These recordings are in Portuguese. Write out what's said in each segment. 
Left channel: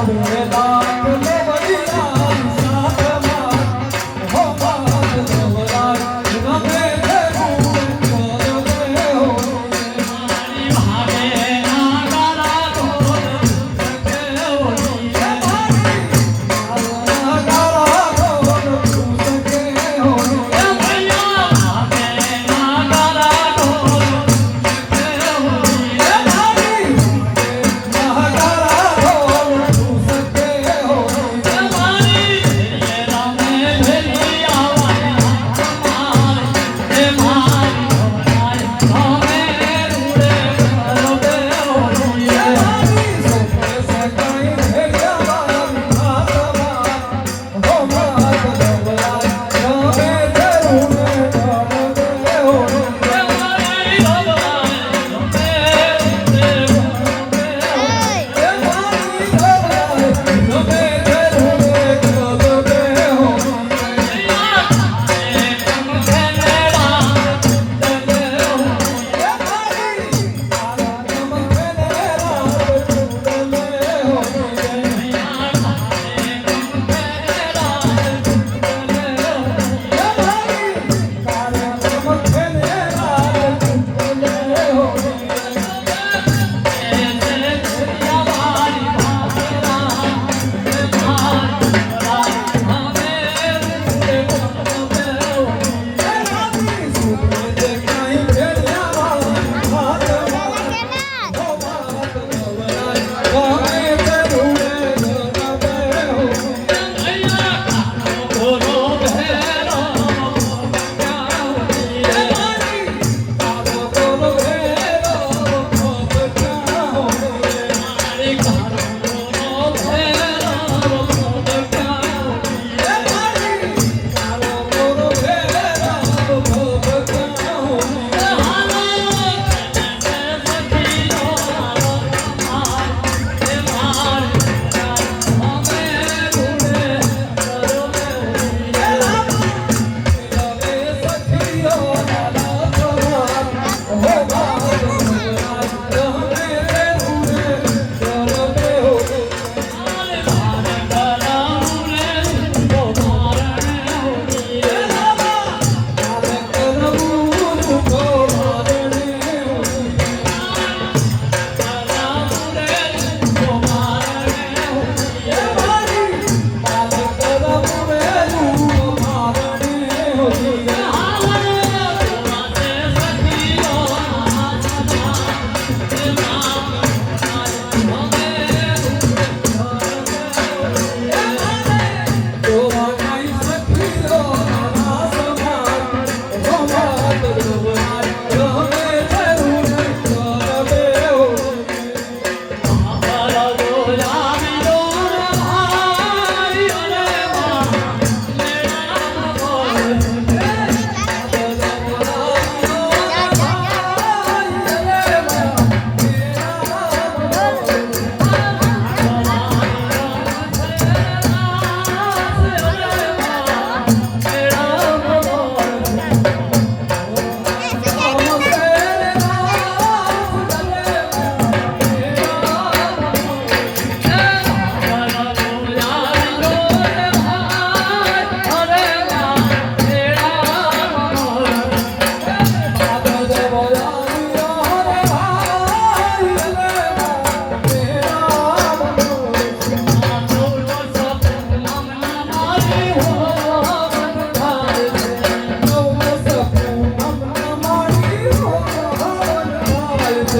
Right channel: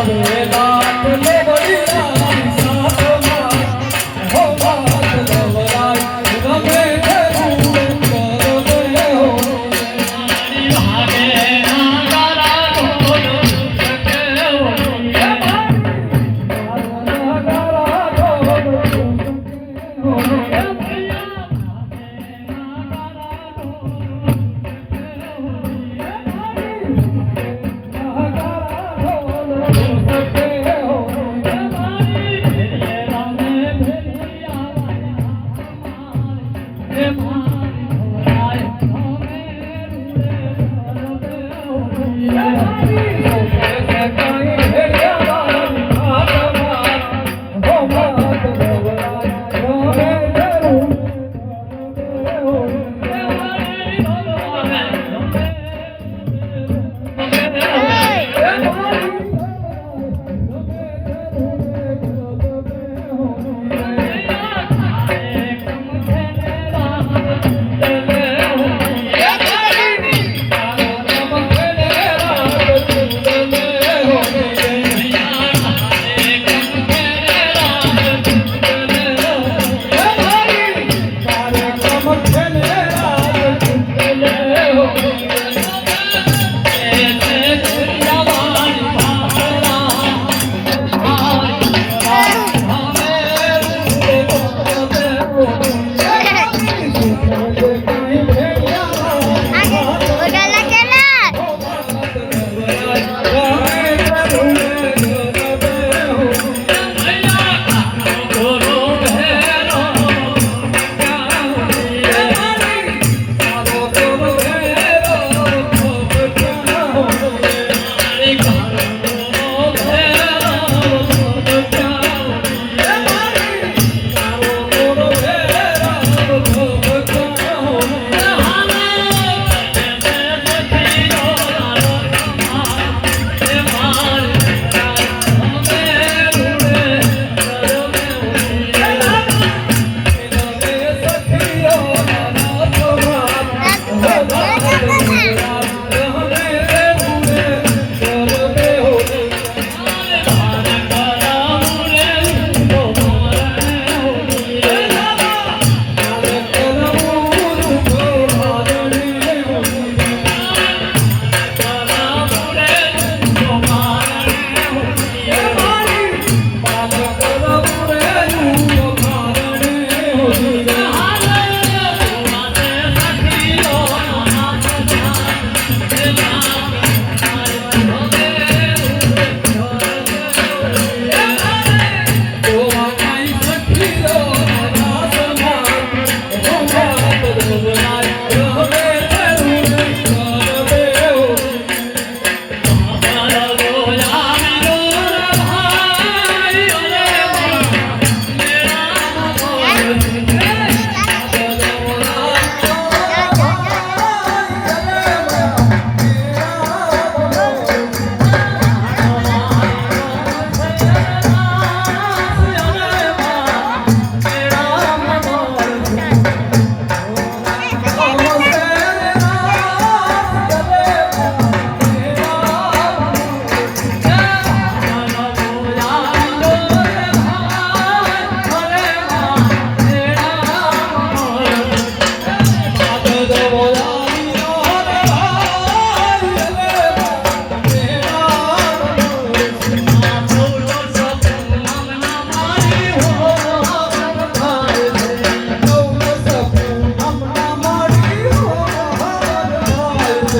হবে Senhor.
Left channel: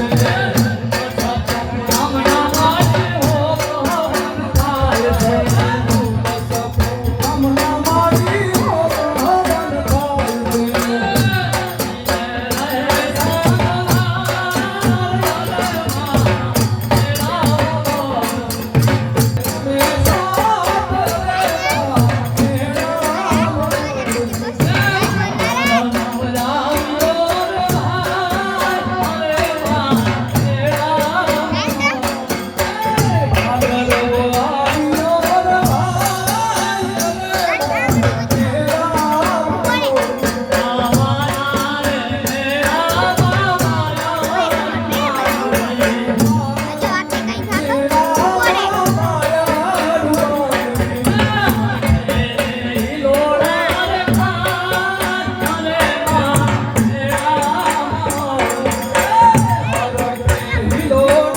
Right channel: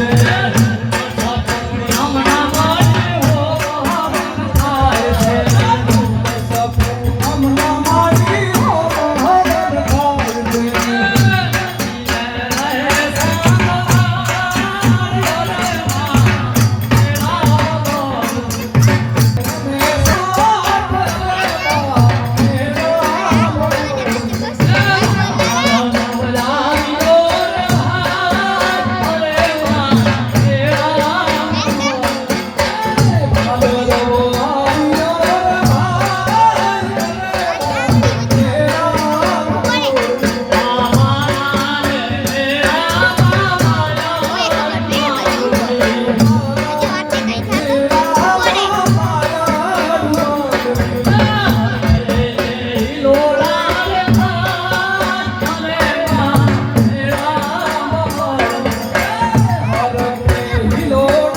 Yeah. Señor.